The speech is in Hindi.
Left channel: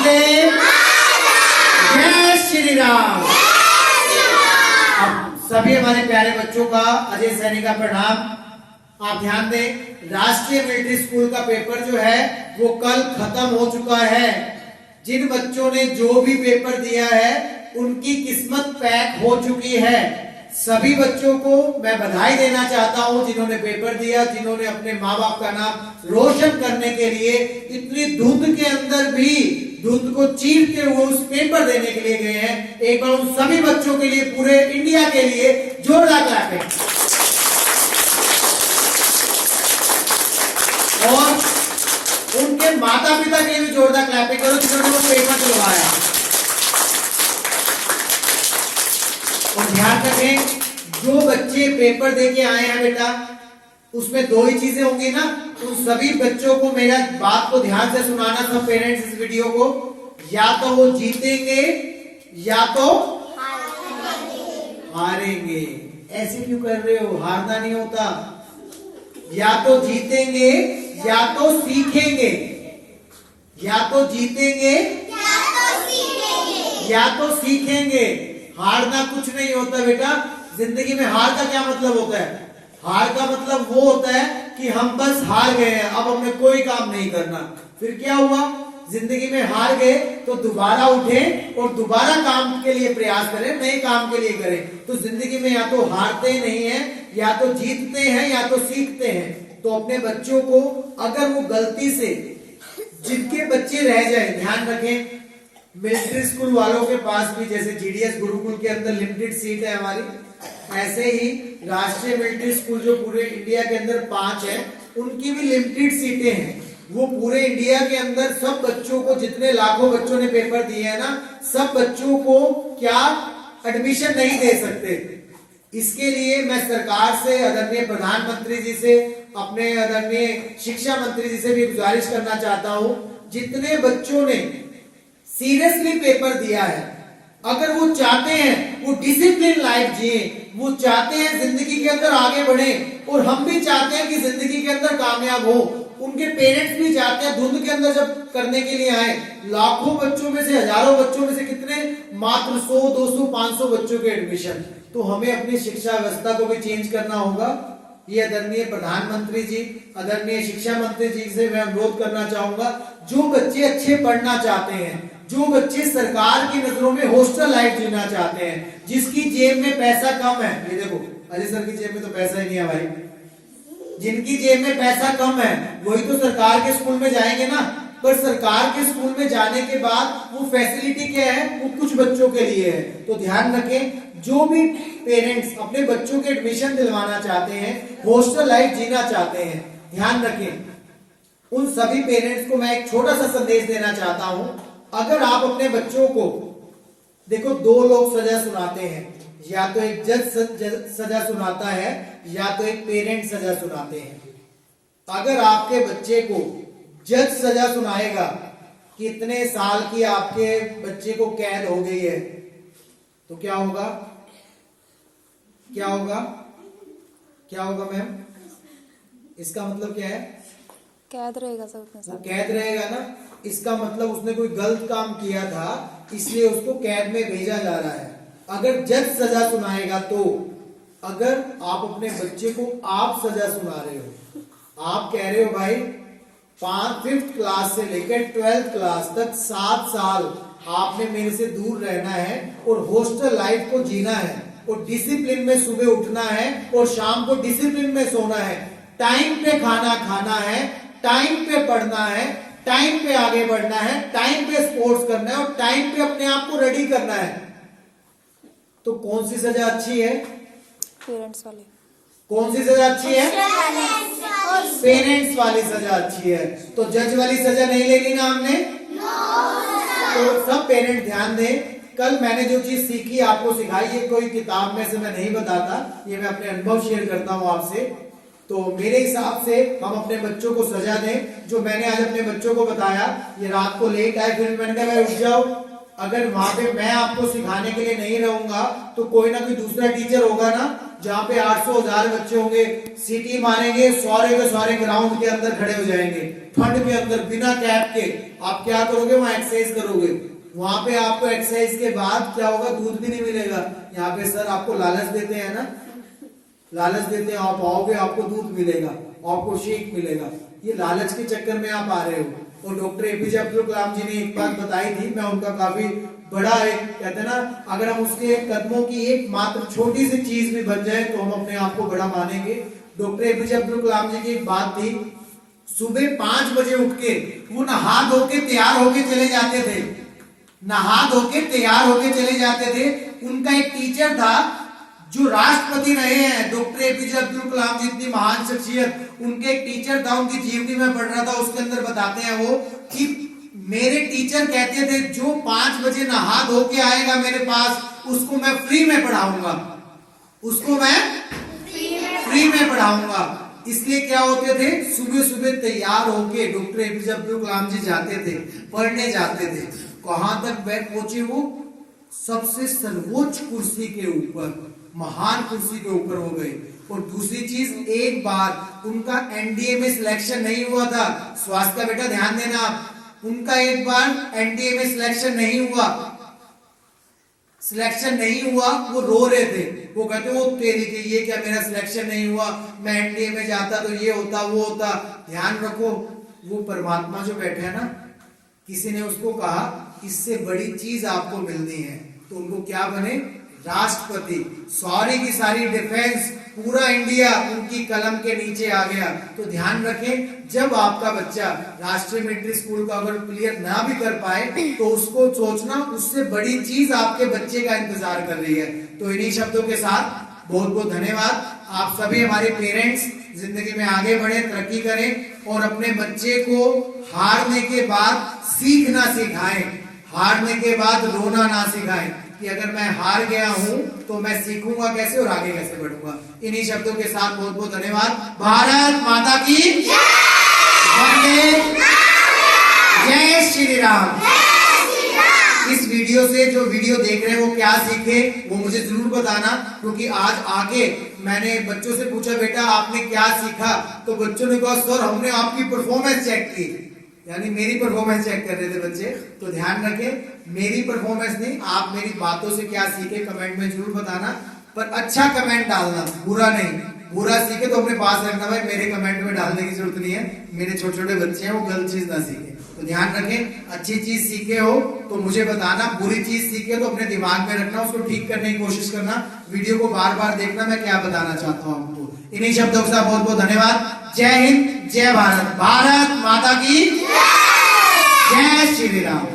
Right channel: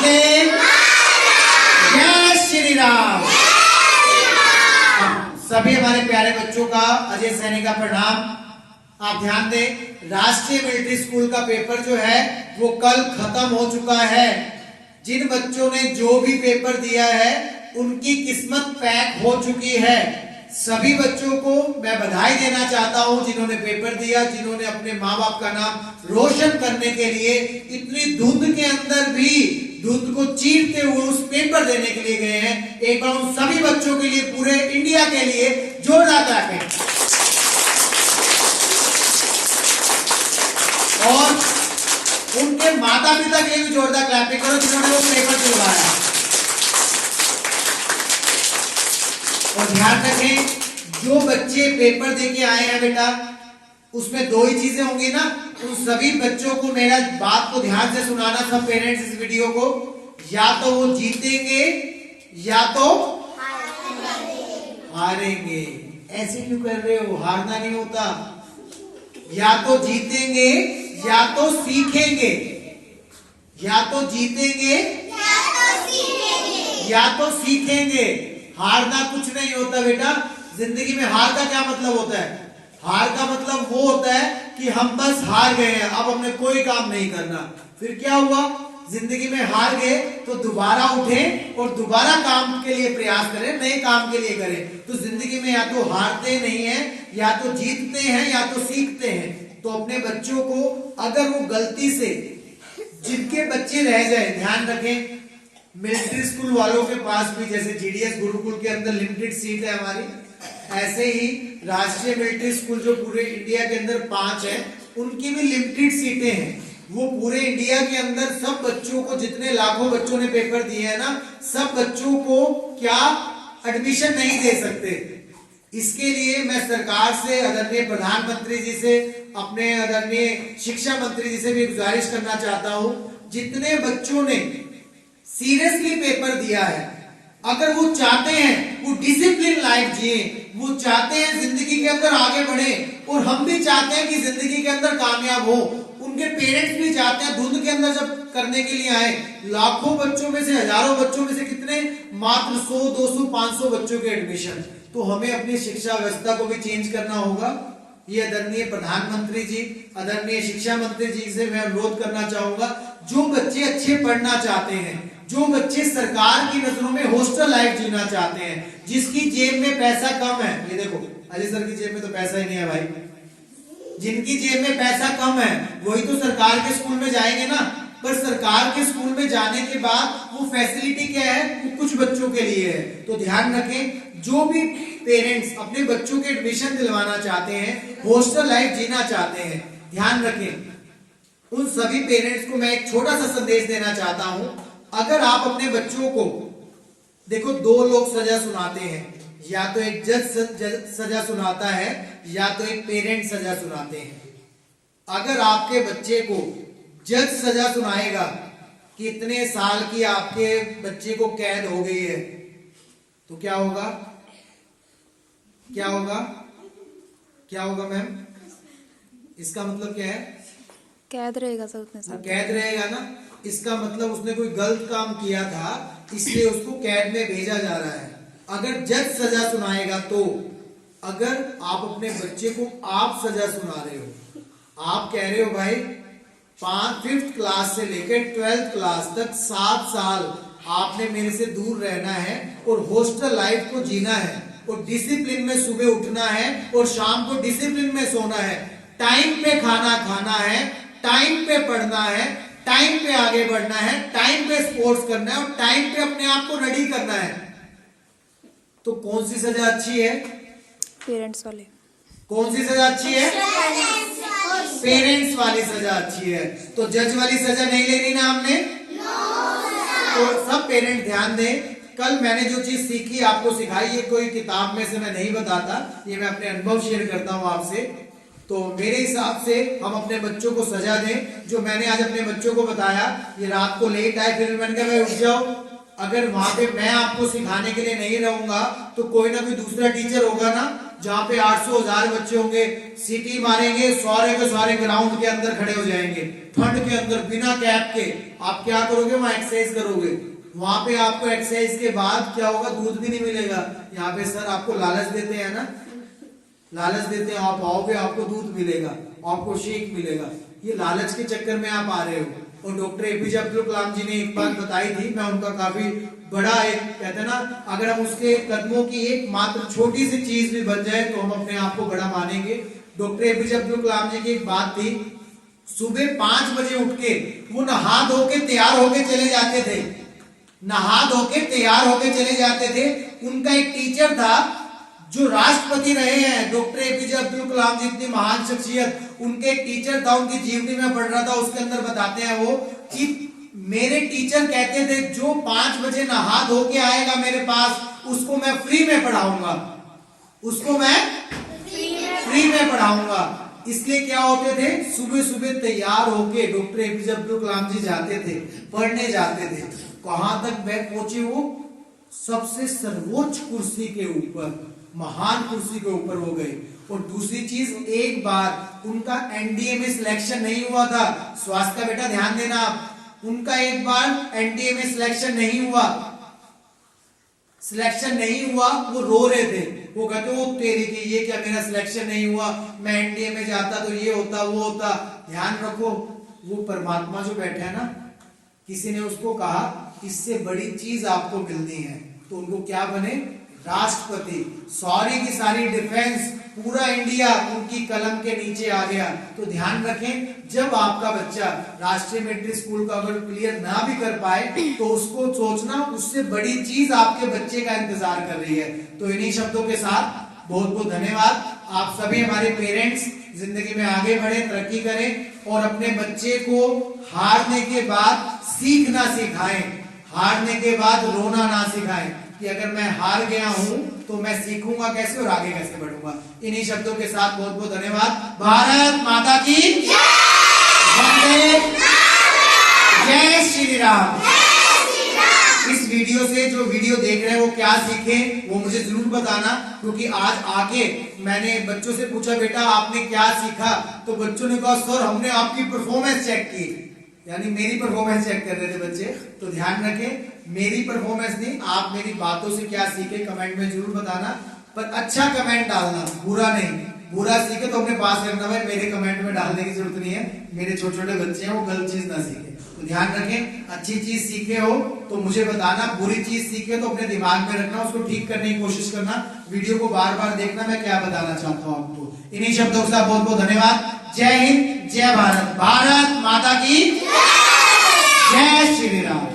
वंदे जय श्री राम। अब सभी हमारे प्यारे बच्चों का अजय सैनी का प्रणाम। आप ध्यान दें, राष्ट्रीय मिलिट्री स्कूल का पेपर जो है वो कल खत्म हो चुका है। जिन बच्चों ने जो भी पेपर दिया है उनकी किस्मत पैक हो चुकी है। सभी बच्चों को मैं बधाई देना चाहता हूं जिन्होंने पेपर दिया, जिन्होंने अपने माँ बाप का नाम रोशन करने के लिए इतनी धुंध के अंदर भी धुंध को चीरते हुए उस पेपर देने के लिए गए हैं। एक बार उन सभी बच्चों के लिए, पूरे इंडिया के लिए जोरदार क्लैपिंग। और उनके माता पिता के लिए भी जोरदार क्लैपिंग करो जिन्होंने वो पेपर दिलवाया। और ध्यान रखें, जो बच्चे पेपर देके आए हैं बेटा, उसमें दो ही चीजें होंगी ना। उन सभी बच्चों को मेरा बात को ध्यान से सुनाना, सब पेरेंट्स इस वीडियो को, या तो वो जीतेंगे या तो हारेंगे। ऐसे क्यों कर रहे हो? हारना नहीं होता। या तो जीतेंगे या तो सीखेंगे। या तो जीतेंगे या तो सीखेंगे। हारना कुछ नहीं होता बेटा। जिंदगी में हार का क्या मतलब होता है? हार का मतलब वो होता है कि हम बस हार गए हैं, अब हमने कोई काम नहीं करना। फिर क्या हुआ? जिंदगी में हार गए तो दोबारा उठे और दोबारा काम के लिए प्रयास करें, नए काम के लिए करें। तो जिंदगी में या तो हारते नहीं हैं, या तो जीतते हैं, या तो सीखते हैं। तो अपने बच्चों को अगर वो गलती से, जिनके बच्चे रह जाए, ध्यान रखें, मिलिट्री स्कूल वालों के पास भी, जैसे जीडीएस गुरुकुल के अंदर लिमिटेड सीट है हमारी, ऐसे ही राष्ट्रीय मिलिट्री स्कूल जो पूरे इंडिया के अंदर 5 है, उनकी भी लिमिटेड सीटें हैं। वो पूरे इंडिया के अंदर सब बच्चों को, जितने लाखों बच्चों ने पेपर दिए हैं ना, सब बच्चों को क्या एडमिशन नहीं दे सकते। इसके लिए मैं सरकार से, आदरणीय प्रधानमंत्री जी से, अपने आदरणीय शिक्षा मंत्री जी से भी गुजारिश करना चाहता हूं, जितने बच्चों ने सीरियसली पेपर दिया है, अगर वो चाहते हैं वो डिसिप्लिन लाइफ जिए, वो चाहते हैं जिंदगी के अंदर आगे बढ़े, और हम भी चाहते हैं कि जिंदगी के अंदर कामयाब हो, उनके पेरेंट्स भी चाहते हैं, धुंध के अंदर जब करने के लिए आए, लाखों बच्चों में से, हजारों बच्चों में से कितने, मात्र 100, 200, 500 बच्चों के एडमिशन। तो हमें अपनी शिक्षा व्यवस्था को भी चेंज करना होगा। ये आदरणीय प्रधानमंत्री जी, आदरणीय शिक्षा मंत्री जी से मैं अनुरोध करना चाहूंगा, जो बच्चे अच्छे पढ़ना चाहते हैं, जो बच्चे सरकार की नजरों में हॉस्टल लाइफ जीना चाहते हैं, जिसकी जेब में पैसा कम है, ये देखो अजय सर की जेब में तो पैसा ही नहीं है भाई, जिनकी जेब में पैसा कम है वही तो सरकार के स्कूल में जाएंगे ना। पर सरकार के स्कूल में जाने के बाद वो फैसिलिटी क्या है? वो कुछ बच्चों के लिए है। तो ध्यान रखें, जो भी पेरेंट्स अपने बच्चों के एडमिशन दिलवाना चाहते हैं, हॉस्टल लाइफ जीना चाहते हैं, ध्यान रखें, उन सभी पेरेंट्स को मैं एक छोटा सा संदेश देना चाहता हूं। अगर आप अपने बच्चों को, देखो, 2 लोग सजा सुनाते हैं, या तो एक जज सजा सुनाता है, या तो एक पेरेंट सजा सुनाते हैं। अगर आपके बच्चे को जज सजा सुनाएगा कि इतने साल की आपके बच्चे को कैद हो गई है, तो क्या होगा? क्या होगा? क्या होगा मैम? इसका मतलब क्या है? कैद रहेगा सर, उतने साल कैद रहेगा ना। इसका मतलब उसने कोई गलत काम किया था, इसलिए उसको कैद में भेजा जा रहा है। अगर जज सजा सुनाएगा, तो अगर आप अपने बच्चे को आप सजा सुना रहे हो, आप कह रहे हो भाई 5th क्लास से लेकर 12th क्लास तक 7 साल आपने मेरे से दूर रहना है और हॉस्टल लाइफ को जीना है, और डिसिप्लिन में सुबह उठना है और शाम को डिसिप्लिन में सोना है, टाइम पे खाना खाना है, टाइम पे पढ़ना है, टाइम पे आगे बढ़ना है, टाइम पे स्पोर्ट्स करना है, और टाइम पे अपने आप को रेडी करना है, तो कौन सी सजा अच्छी है? पेरेंट्स वाले। कौन सी सजा अच्छी है? पेरेंट्स वाली सजा अच्छी है। तो जज वाली सजा नहीं लेनी ना हमने। तो सब पेरेंट ध्यान दें, कल मैंने जो चीज सीखी, आपको सिखाई, ये कोई किताब में से मैं नहीं बताता, ये मैं अपने अनुभव शेयर करता हूं आपसे। तो मेरे हिसाब से हम अपने बच्चों को सजा दें। जो मैंने आज अपने बच्चों को बताया, ये रात को लेट आए, फिर मैंने कहा भाई उठ जाओ। अगर वहां पे मैं आपको सिखाने के लिए नहीं रहूंगा, तो कोई ना कोई दूसरा टीचर होगा ना, जहाँ पे 800 1000 बच्चे होंगे, सीटी मारेंगे, सारे के सारे ग्राउंड के अंदर खड़े हो जाएंगे। ठंड के अंदर बिना कैप के आप क्या करोगे, वहां एक्सरसाइज करोगे। वहां पे आपको एक्सरसाइज के बाद क्या होगा, दूध भी नहीं मिलेगा। यहाँ पे सर आपको लालच देते हैं ना, लालच देते हैं, आप आओगे आपको दूध मिलेगा, आपको शेक मिलेगा। ये लालच के चक्कर में आप आ रहे हो। और डॉक्टर एपीजे अब्दुल कलाम जी ने एक बात बताई थी, मैं उनका काफी बड़ा एक कहते हैं ना, अगर हम उसके कदमों की एक मात्र छोटी सी चीज भी बन जाए तो हम अपने आप को बड़ा मानेंगे। डॉक्टर एपीजे अब्दुल कलाम जी की एक बात थी, सुबह 5 बजे उठ के वो नहा धो के तैयार होके चले जाते थे, नहा धो के तैयार होके चले जाते थे। उनका एक टीचर था जो राष्ट्रपति रहे हैं, डॉक्टर एपीजे अब्दुल कलाम जी, इतनी महान शख्सियत, उनके एक टीचर था, उनकी जीवनी में पढ़ रहा था, उसके अंदर बताते हैं वो कि मेरे टीचर कहते थे जो 5 बजे नहा धो के आएगा मेरे पास, उसको मैं फ्री में पढ़ाऊंगा, उसको मैं फ्री में पढ़ाऊंगा। इसलिए क्या होते थे, सुबह सुबह तैयार होके डॉक्टर एपीजे अब्दुल कलाम जी जाते थे, पढ़ने जाते थे। कहां तक वह पहुंचे, वो सबसे सर्वोच्च कुर्सी के ऊपर, महान कुर्सी के ऊपर हो गए। और दूसरी चीज, एक बार उनका एनडीए में सिलेक्शन नहीं हुआ था, स्वास्थ्य का बेटा ध्यान देना आप, उनका एक बार एनडीए में सिलेक्शन नहीं हुआ, सिलेक्शन नहीं हुआ, वो रो रहे थे। वो कहते वो तेरी के ये क्या, मेरा सिलेक्शन नहीं हुआ, मैं एनडीए में जाता तो ये होता वो होता। ध्यान रखो, वो परमात्मा जो बैठा है ना, किसी ने उसको कहा इससे बड़ी चीज आपको मिलनी है, तो उनको क्या बने, राष्ट्रपति। सारी की सारी डिफेंस, पूरा इंडिया उनकी कलम के नीचे आ गया। तो ध्यान रखें, जब आपका बच्चा राष्ट्रीय मैट्रिक स्कूल का अगर क्लियर ना भी कर पाए तो उसको सोचना उससे बड़ी चीज आपके बच्चे का इंतजार कर रही है। तो इन्हीं शब्दों के साथ बहुत बहुत धन्यवाद। आप सभी हमारे पेरेंट्स जिंदगी में आगे बढ़े, तरक्की करें और अपने बच्चे को हारने के बाद सीखना सिखाएं, हारने के बाद रोना ना सिखाएं कि अगर मैं हार गया हूं तो मैं सीखूंगा कैसे और आगे कैसे बढ़ूंगा। इन्हीं शब्दों के साथ बहुत बहुत धन्यवाद। भारत माता की वंदे, जय श्री राम। इस वीडियो से जो वीडियो देख रहे हैं वो क्या सीखे वो मुझे जरूर बताना, क्योंकि आज आके मैंने बच्चों से पूछा बेटा आपने क्या सीखा, तो बच्चों ने कहा सर हमने आपकी परफॉर्मेंस चेक की, यानी मेरी परफॉर्मेंस चेक कर रहे थे बच्चे। तो ध्यान रखें, मेरी परफॉर्मेंस नहीं, आप मेरी बातों से क्या सीखे कमेंट में जरूर बताना, पर अच्छा कमेंट डालना, बुरा नहीं। बुरा सीखे तो अपने पास रखना भाई, मेरे कमेंट में डालने की जरूरत नहीं है, मेरे छोटे छोटे बच्चे हैं वो गलत चीज ना सीखे। तो ध्यान रखें, अच्छी चीज सीखे हो तो मुझे बताना, बुरी चीज सीखे तो अपने दिमाग में रखना, उसको ठीक करने की कोशिश करना, वीडियो को बार बार देखना मैं क्या बताना चाहता हूँ आपको। इन्हीं शब्दों के साथ बहुत बहुत धन्यवाद। जय हिंद, जय भारत, भारत माता की जय श्री राम।